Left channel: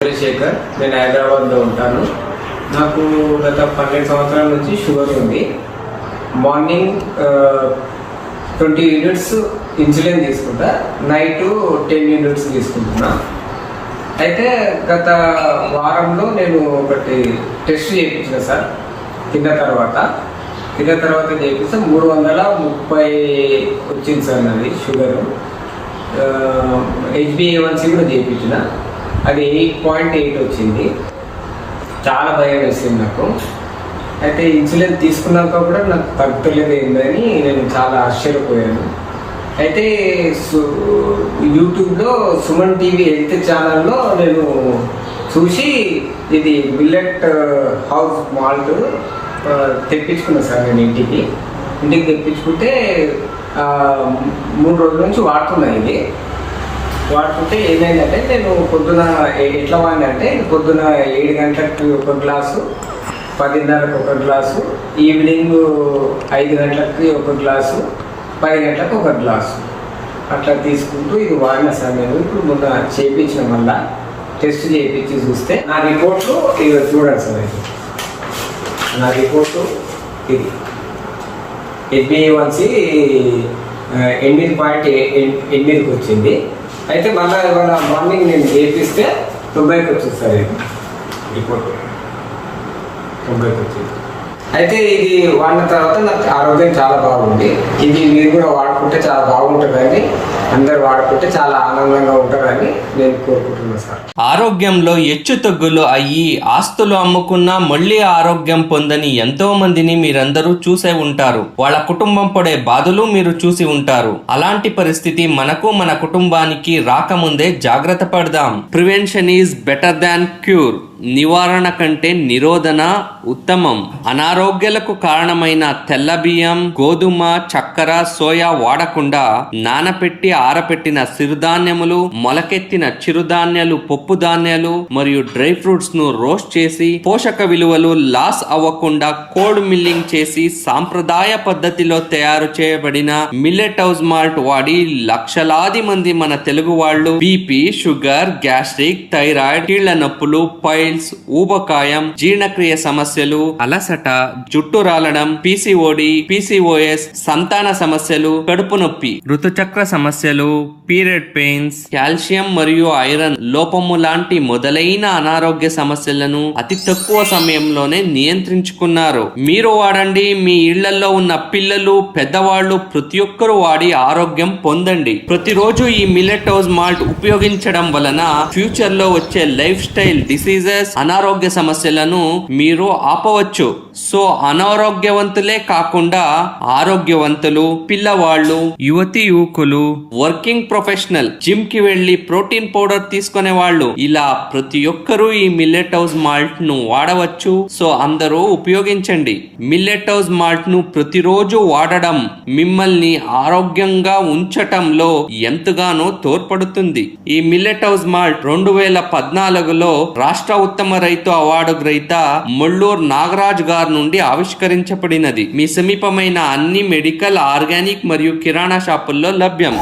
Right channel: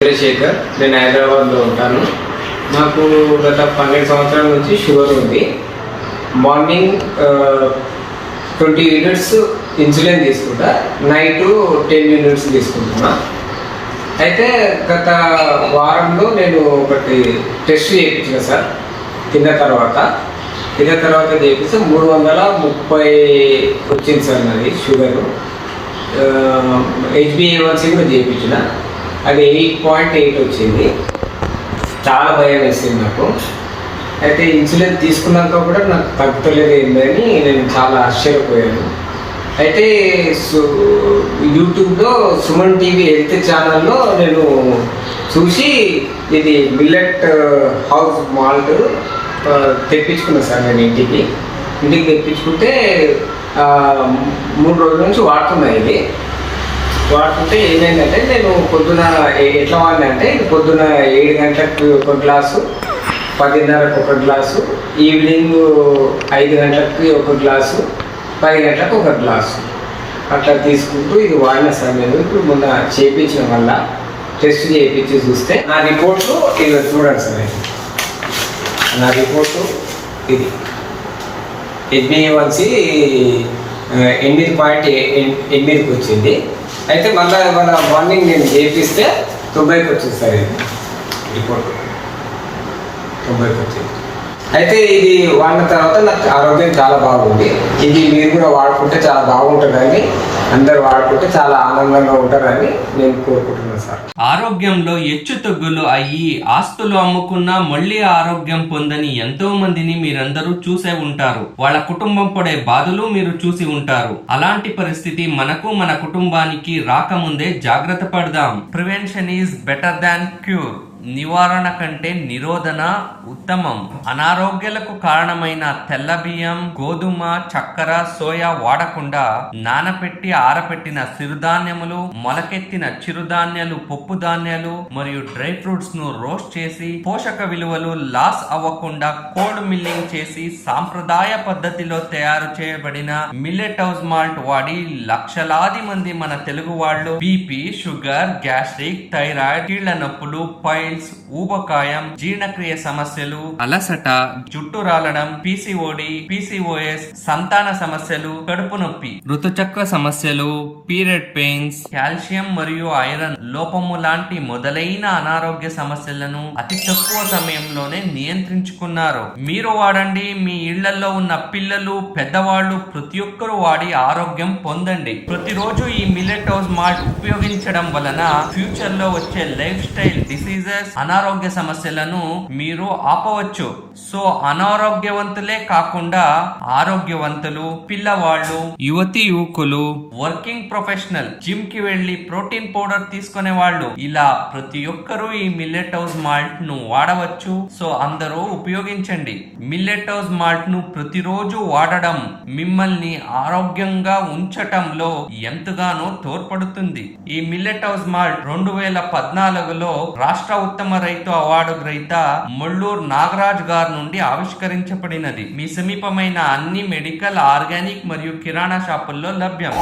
చంద్రశేఖర్ నేను హైదరాబాద్లో ఉంటాను. నాకు గత పన్నెండు సంవత్సరాల నుంచి షుగర్ ఉంది. మార్నింగ్ ట్వంటీ యూనిట్స్ ఇన్సులిన్ తీసుకుంటా. నైట్ టెన్ యూనిట్స్ తీసుకుంటున్నా. అయితే గత వారంలో నేను ఒకటి టెస్ట్ చేయించిన సార్ తిన్న తర్వాత. తిన్న తర్వాత చేపిస్తే మూడు వందల ముప్పై వచ్చింది సార్ నాది షుగరు. హెచ్బిఏవన్సీ కూడా చేయించిన. అది ఎయిట్ పాయింట్ ఎయిట్ వచ్చింది. చాలా భయం వేసింది నాకు. అయితే ఇన్సులిన్ తీసుకున్నాక కూడా నాకు తగ్గుతలేదు ఏందని నేను చాలా ఆశ్చర్యపోయాను. అయితే సు యూట్యూబ్లో సుమన్ టీవీ హెల్త్ ఛానల్లో నేను చూసి ఇది మిల్లెట్ హౌస్ మాల్ట్ తెప్పించుకున్నాను సార్ నేను ఇంటికి. ఇంటికి తెప్పించుకుంటే మూడు రోజుల నుంచి వాడుతున్నాయి ఇది. వాడుతుంటే ఏమైందంటే నేను పొద్దున ఎట్లా వాడినంటే పొద్దున ఏడు గంటలకు ఒక గ్లాసు పదిన్నరకు ఒక గ్లాసు ఈవినింగ్ ఐదు గంటలకి ఒక గ్లాసు పది గంటలకు ఒక గ్లాసు. అట్లా తీసుకుంటూ ఇది వాడిన సార్ నేను ఇప్పుడు మొన్న చేయించిన వల్ల టెస్ట్ చేయించి చూస్తే నా రిపోర్ట్లు ఇది చూడండి సార్ నా రిపోర్టు ఇది. హెచ్బిఏవన్సి ఎనిమిది పాయింట్ ఎనిమిదికి వచ్చింది. అయితే మళ్ళీ ఇవాళ మార్నింగ్ నేను చేపిస్తే తొంభైకి వచ్చింది సార్ ఇది రిపోర్ట్. తొంభైకి వచ్చింది అయితే ఇది వాడిన తర్వాత నాకు ఆరోగ్యం చాలా బాగుంది. ఇది మీరు కూడా వాడుకుంటే చాలా బాగుంటుందని అందరు వాడుకుంటే చాలా ఆనందంగా ఉంటారని నేను కోరుకుంటున్నాను సార్. ఆరోగ్యంలో హెచ్చు తగ్గులు అయ్యి ఆస్తులు అమ్ముకున్నా మళ్ళీ ఆరోగ్యం పొందని ఎంతో మందిని మీరందరూ చూసే ఉంటారు. వాళ్ళ కుటుంబం పడే బాధలు మీరు చూసి ఉంటారు. అలాంటి పరిస్థితి మనకు మన కుటుంబానికి రాకముందే జాగ్రత్త పడదాం. Prevention is better than cure. నివారణ కంటే నిరోధన ఉత్తమం. అనారోగ్యాలకు కారణమైన తెల్ల బియ్యం గోధుమ చక్కెర సోయా వాడకుండా నానపెట్టి ఆరపెట్టిన సిరుధాన్యములు మొలకెత్తిన చిరుధాన్యాలు పప్పు ధాన్యాలు మరియు డ్రై ఫ్రూట్స్ను రోస్ట్ చేసి పోషక విలువలు లాస్ అవ్వకుండా కోల్డ్ మిల్లింగ్ చేసి సాంప్రదాయ పద్ధతిలో తయారు చేయబడిన మిల్లెట్ హౌస్ మాల్ట్ వాడి లక్షలాది మంది మన తెలుగు వాళ్ళు బీపీ షుగర్ గ్యాస్ట్రిక్ థైరాయిడ్ కీళ్ళ నొప్పులు పైల్స్ ఊబకాయం జీర్ణక్రియ సమస్యలు అలసట జుట్టు రాలడం పీసీఓడి పీసీఓఎస్ సంతాన సమస్యలు కడుపు నొప్పి ఋతుచక్ర సమస్యలు పీరియడ్ పెయిన్స్ కాల్షియం మరియు ఐరన్ లోపము లాంటి మొదలైన అనారోగ్య సమస్యలను అతి తక్కువ సమయంలోనే నియంత్రించుకున్నారు. మీరు వాడండి మీ ఇళ్ళలో ఉన్న పిల్లలు పెద్దవాళ్ళు ప్రతి ఒక్కరూ వాడి ఆరోగ్యం పొందండి. ప్రతిరోజు ఈ మిల్లెట్ మాల్ట్ ఉపయోగించడం వలన ఫ్యూచర్లో వచ్చే లైఫ్ స్టైల్ డిసీజెస్ అనారోగ్య సమస్యలను మీరు ఆపవచ్చు. సో అనారోగ్యవంతులే కాకుండా ఆరోగ్యవంతులు పిల్లవాళ్ళు యువతి యువకులు. వర్కింగ్ ప్రొఫెషనల్ జిమ్కి వెళ్ళి ప్రోటీన్ పౌడర్ తీసుకునే వాళ్ళు ఇలా ప్రతి ఒక్కరూ ఈ మిల్లెట్ హౌస్ మాల్ట్ను వాడవచ్చు. సో అందరూ ఉపయోగించండి. మిల్లెట్ హౌస్ మాల్ట్ను ప్రతిరోజు వాడడం మిమ్మల్ని ఆరోగ్యంగా ఉంచటంలో ఎంతగానో తోడ్పడుతుంది. ఈ మిల్లెట్ హౌస్ మాల్ట్ రెండు వేల పద్నాలుగులో రాష్ట్ర ఉత్తమ రైతు అవార్డు గ్రహీత మొల్లూరు నాగరాజ్ గారి నుండి ఆవిష్కరించబడినది. మీ సమీపమైన అన్ని మెడికల్ ఆర్గానిక్ మరియు కిరాణా షాపుల్లో లభ్యం